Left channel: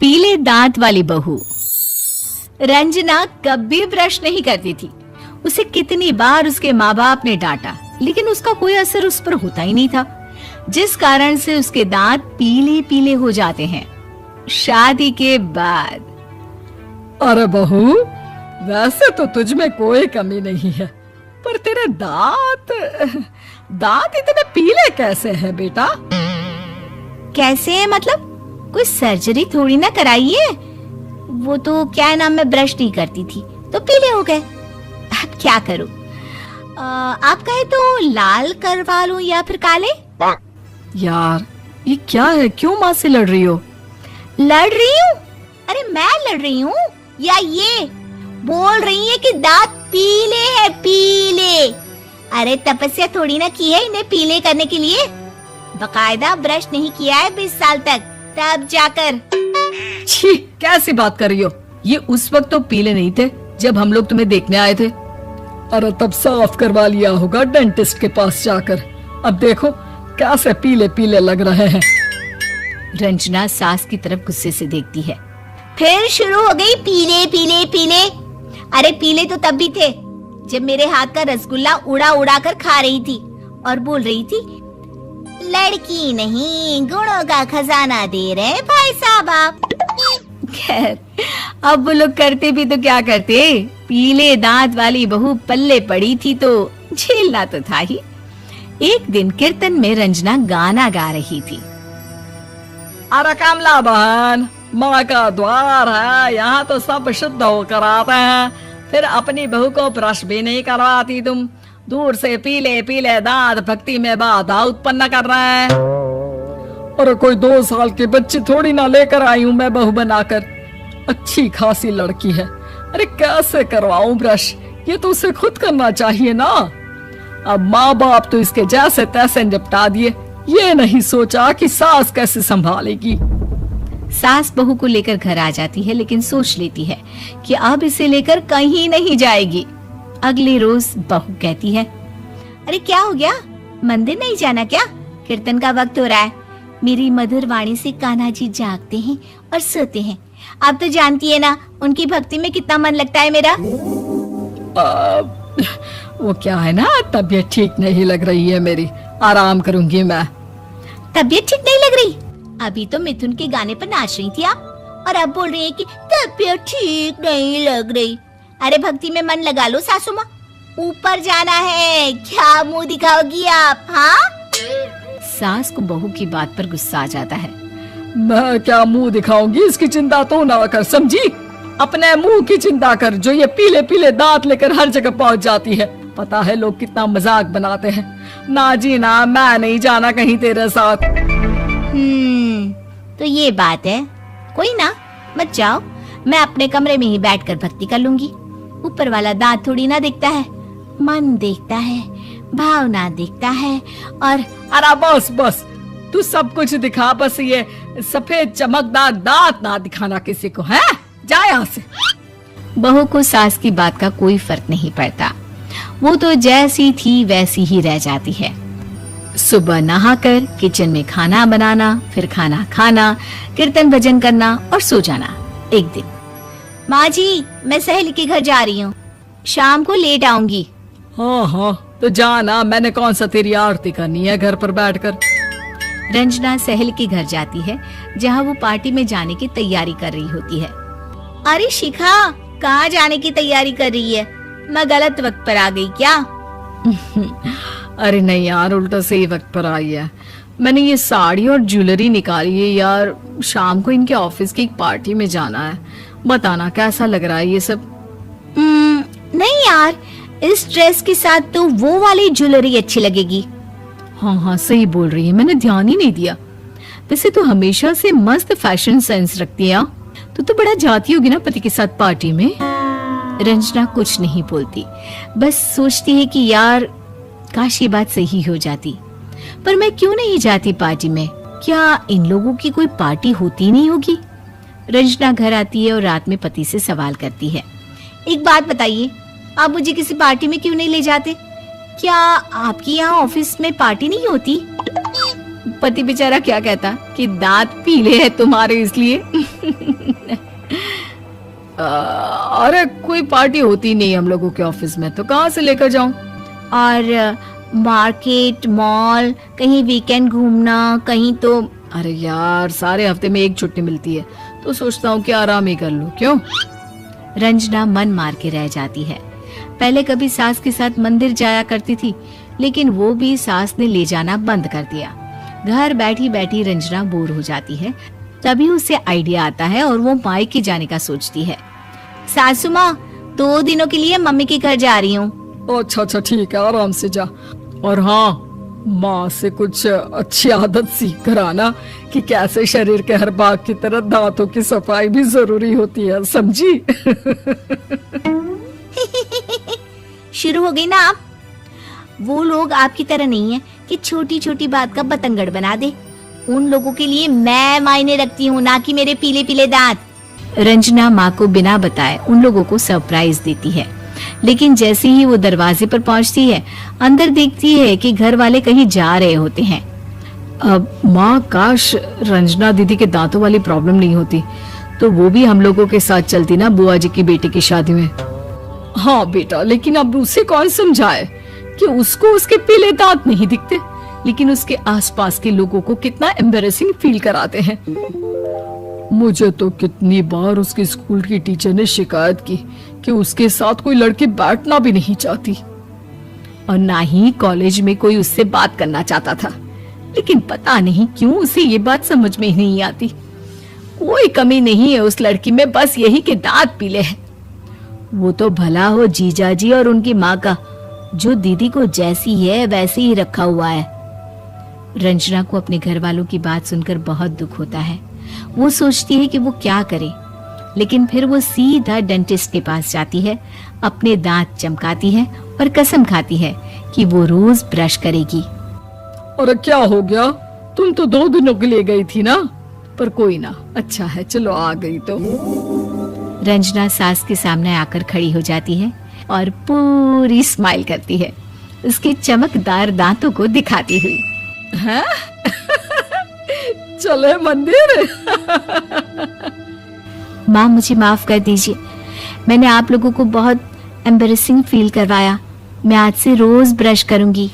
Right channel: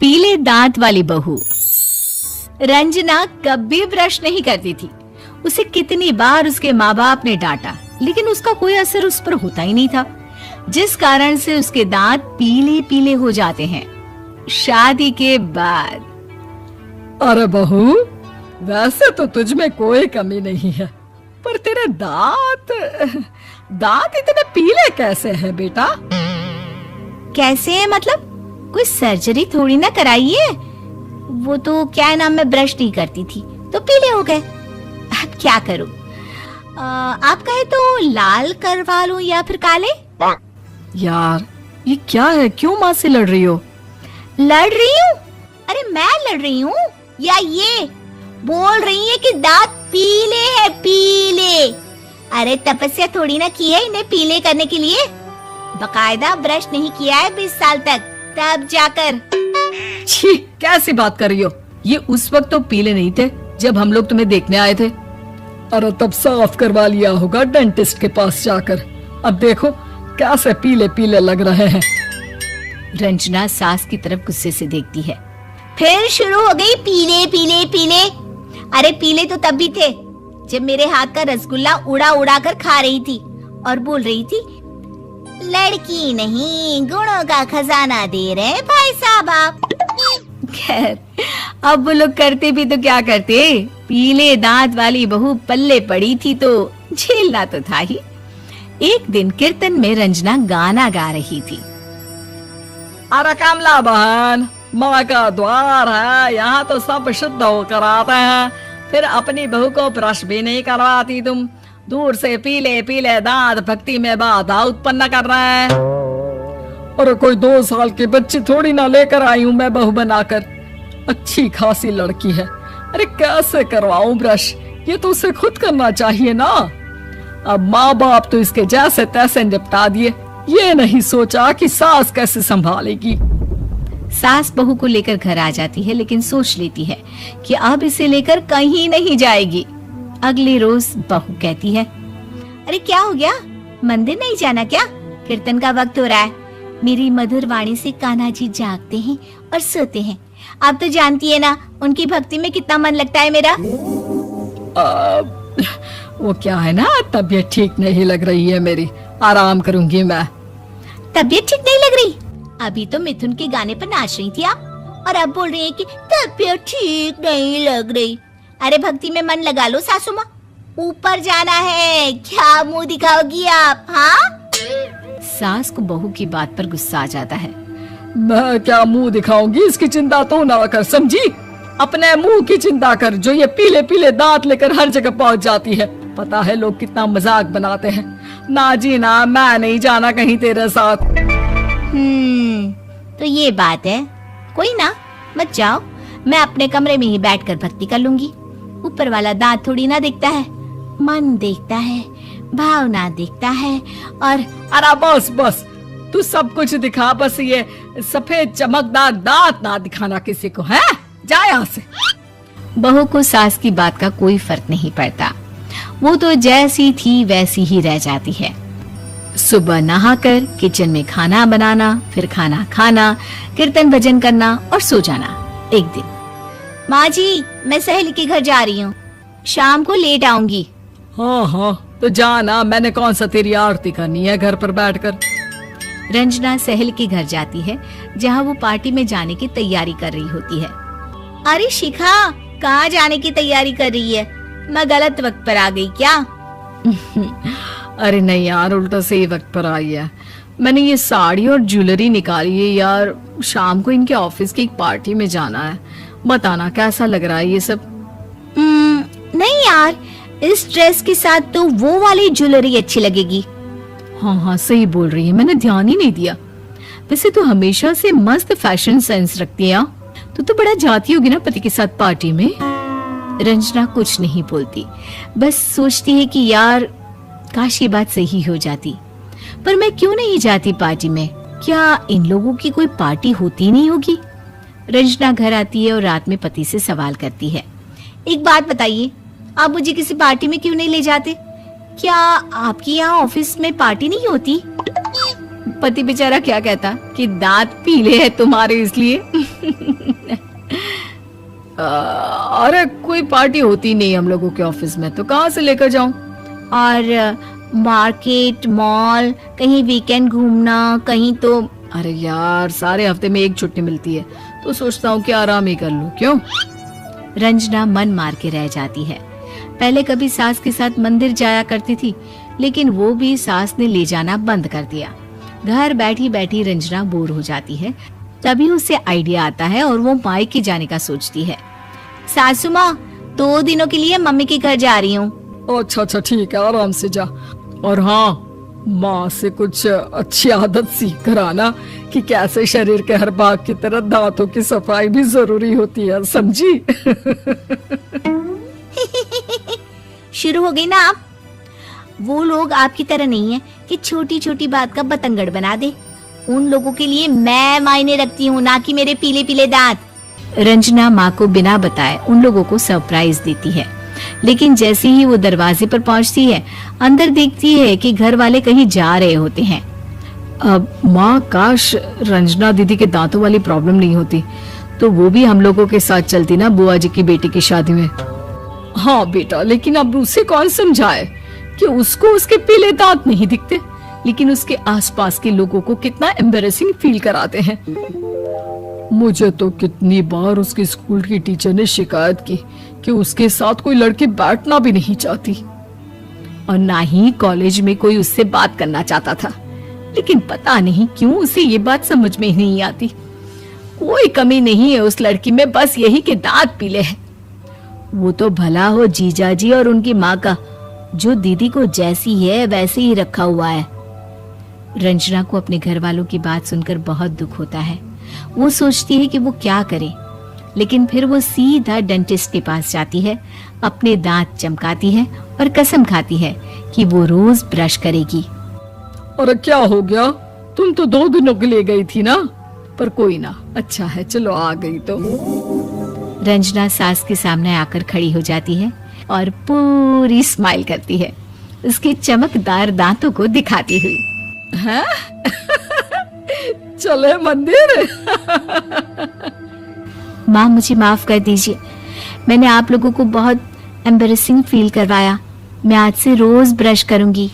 पीले दांत वाली बहू। रंजना कभी ब्रश नहीं करती थी। उसे कितनी बार उसके माँ बाप ने डांटा, लेकिन उसका कोई असर उस पर होता ही नहीं था, जिस कारण से उसके दांत पीले पीले हो जाते हैं। शादी के बाद। अरे बहू, वैसे तो तुझ में कोई कमी नहीं है, पर तेरे दांत इतने पीले कैसे हैं बेटा? कैसे मतलब? कोई सर्जरी थोड़ी ना कराइए। वो तो क्या नाम, मैं ब्रश नहीं करती थी तो पीले हो गए। अब क्या करूं? आप कहें तो लाल करवा लूं या फिर काले? यार ये क्या है, क्यों माँ से लड़ रही हो? लड़ रही हूँ? अरे मैं लड़ रही हूँ या ये बोल रही है कि दांत पीले है, पीले। अरे तपस्या थोड़ी ना की है इन्हें पीले करने के लिए। बकायदा ब्रश नहीं किया है 20 साल तक, तब जाकर। छी, कैसी बात कर रही हो? ये उस वक्त तो पीले नहीं थे जब हम लोग तुम्हें देखने आए थे। अरे तब साफ करवा लिया होगा डेंटिस्ट के पास जाकर। अब देखो कैसे पीले पीले लग रहे हैं। रंजना सास की तरफ गुस्से से देखती है। फिर शुरू हो गई पीले पीले पीले। अरे पीले तो तब भी थे जब मेरे हाथ का रसगुल्ला उड़ा उड़ा कर खा रही थी और बोल रही थी, लड़की नहीं गुणों का खजाना दे रहे भाई साहब आप। खैर अब वो लोग करते भी तो क्या करते, पीले दांत वाली बहू पल्ले पड़ी थी तो झेलना तो था ही। एक दिन कीर्तन में रंजना गाना गा रही थी। अरे कमला बहन, माँ का द्वार है, यहाँ तो सब शुद्ध होकर आते हैं, फिर अपनी बहू को ब्रश भी नहीं करवाती तुम। दूर से पीले पीले दांत भक्ति में बाधा उत्पन्न कर रहे हैं। अरे कोई 2 साल के बच्चे थोड़ी ना लेकर आई हूँ मैं बहू बनाकर। अच्छी खासी लड़की है, अरे कैसे करवाऊं ब्रश? ये तो उसे खुद करना चाहिए ना। अब माँ बाप तो इसके जैसे तैसे निपटा दिए, ये नहीं सोचा कि सास कैसे संभालेगी। सास बहू को लेकर घर आ जाती है, लेकिन सोच लेती है कि अब इसे लेकर कहीं नहीं जाएगी। अगले रोज बहू कहती है, अरे क्या हो गया, मंदिर नहीं जाना क्या? कीर्तन का वक्त हो रहा है। मेरी मधुर वाणी से कान्हा जी जागते हैं और सोते हैं। आप तो जानती है ना उनकी भक्ति में कितना मन लगता है मेरा। वो क्या है ना, तबीयत ठीक नहीं लग रही है मेरी, आराम करूंगी मैं। तबीयत ठीक नहीं लग रही? अभी तो मिथुन के गाने पर नाच रही थी आप, और अब बोल रही है कि तबीयत ठीक नहीं लग रही। अरे भक्ति में मन लगा लो सासू माँ, ऊपर जाना है, क्या मुंह दिखाओगी आप? हाँ? सास को बहू की बात पर गुस्सा आ जाता है। मैं क्या मुंह दिखाऊंगी, इसकी चिंता तो ना कर, समझी? अपने मुंह की चिंता कर, जो ये पीले पीले दांत लेकर हर जगह पहुंच जाती है। पता है लोग कितना मजाक बनाते हैं। ना जी ना, मैं नहीं जाना कहीं तेरे साथ। तो ये बात है, कोई ना, मत जाओ, मैं अपने कमरे में ही बैठकर भक्ति कर लूंगी। ऊपर वाला दांत थोड़ी ना देखता है, मन देखता है, भावना देखता है। और अरे बस बस, तू सब कुछ दिखा, बस ये सफेद चमकदार दांत ना दिखाना किसी को, है? जा यहाँ से। बहू को सास की बात का कोई फर्क नहीं पड़ता, वो तो जैसी थी वैसी ही रह जाती है। सुबह नहाकर किचन में खाना बनाना, फिर खाना खाना, कीर्तन भजन करना और सो जाना। एक दिन, माँ जी मैं सहेली के घर जा रही हूँ, शाम को लेट आऊंगी। हाँ, तो जाना, मैंने कौन सा तेरी आरती करनी है घर पर बैठकर। रंजना सहेली के घर जाती है, जहाँ वो पार्टी में जाने की तैयारी कर रही होती है। अरे शिखा, कहाँ जाने की तैयारी कर रही है? मैं गलत वक्त पर आ गई क्या? अरे नहीं यार, उल्टा सही वक्त पर आई है। मैंने ये साड़ी और ज्वेलरी निकाली है यार, शाम को इनके ऑफिस की एक पार्टी में जाना है। बताना कैसा लग रहा है ये सब? नहीं यार, इस ड्रेस के साथ तो वो वाली ज्वेलरी अच्छी लगेगी। हाँ सही बोल रही है, मैंने ध्यान ही नहीं दिया। वैसे तो हमेशा से मस्त फैशन सेंस रखती है। तो बड़ा जाती होगी ना पति के साथ पार्टी में। रंजना कुछ नहीं बोलती, बस सोचती है कि यार काश ये बात सही हो जाती, पर मैं क्यों नहीं जाती पार्टी में? क्या इन लोगों की कोई पार्टी होती नहीं होगी? रंजना घर आती है और रात में पति से सवाल करती है, एक बात बताइए, आप मुझे किसी पार्टी में क्यों नहीं ले जाते? क्या आपकी यहाँ ऑफिस में पार्टी नहीं होती? पति बेचारा क्या कहता कि दांत पीले हैं तुम्हारे इसलिए। अरे कोई पार्टी होती नहीं हम लोगों के ऑफिस में, तो कहाँ से लेकर जाऊं? और मार्केट, मॉल, कहीं वीकेंड घूमना, कहीं तो। अरे यार सारे हफ्ते में एक छुट्टी मिलती है, तो सोचता हूँ कि आराम ही कर लूं। क्यों? रंजना मन मार के रह जाती है। पहले कभी सास के साथ मंदिर जाया करती थी, लेकिन वो भी सास ने ले जाना बंद कर दिया। घर बैठी बैठी रंजना बोर हो जाती है। तभी उसे आइडिया आता है और वो मायके जाने का सोचती है। सासू माँ, 2 दिनों के लिए मम्मी के घर जा रही हूँ। अच्छा अच्छा ठीक है, आराम से जा। और हाँ, माँ से कुछ अच्छी आदत सीख कर आना कि कैसे शरीर के हर भाग की तरह दांतों की सफाई भी जरूरी होती है, समझी? शुरू हो गई ना आप। वो लोग आपकी तरह नहीं है कि छोटी छोटी बात का बतंगड़ बना दे। उन लोगों के लिए मैं मायने रखती हूँ, ना कि मेरे पीले पीले दांत। रंजना माँ को बिना बताए उन लोगों को सरप्राइज देती है, लेकिन जैसे ही वो दरवाजे पर पहुंचती है, अंदर देखती है कि घर वाले कहीं जा रहे होते हैं। अब माँ, काश रंजना दीदी के दांतों वाली प्रॉब्लम नहीं होती, तो वो भी हम लोगों के साथ चलती ना बुआ जी की बेटी की शादी में। हाँ बेटा, लेकिन अब उसे कौन समझाए कि उसको उसके पीले दांत नहीं दिखते, लेकिन उसके आसपास के लोगों को कितना एम्बैरेसिंग फील कराते हैं। मुझे तो कितनी बार उसके स्कूल की टीचर ने शिकायत की कि उसके साथ कोई लड़की बैठना भी नहीं चाहती, और ना ही कॉलेज में कोई उससे बात करना चाहता था। लेकिन पता नहीं क्यों उसे ये बात समझ में ही नहीं आती। कोई कमी नहीं है उस लड़की में, बस यही कि दांत पीले हैं। वो तो भला हो जीजा जी और उनकी माँ का, जो दीदी को जैसी है वैसे ही रखा हुआ है। रंजना को अपने घर वालों की बात सुनकर बहुत दुख होता है। वो सोचती है कि वो क्या करे, लेकिन फिर वो सीधा डेंटिस्ट के पास जाती है, अपने दांत चमकाती है और कसम खाती है कि वो रोज ब्रश करेगी। अरे क्या हो गया? तुम तो 2 दिनों के लिए गई थी ना, पर कोई ना, अच्छा है, चलो आ गई तो। रंजना सास के सामने आकर खड़ी हो जाती है और पूरी स्माइल करती है, उसके चमकदार दांतों को दिखाती हुई। चले मंदिर। माँ, मुझे माफ कर दीजिए, मैंने आप लोगों को बहुत एम्बैरेसिंग फील करवाया। मैं आज से रोज ब्रश करूंगी।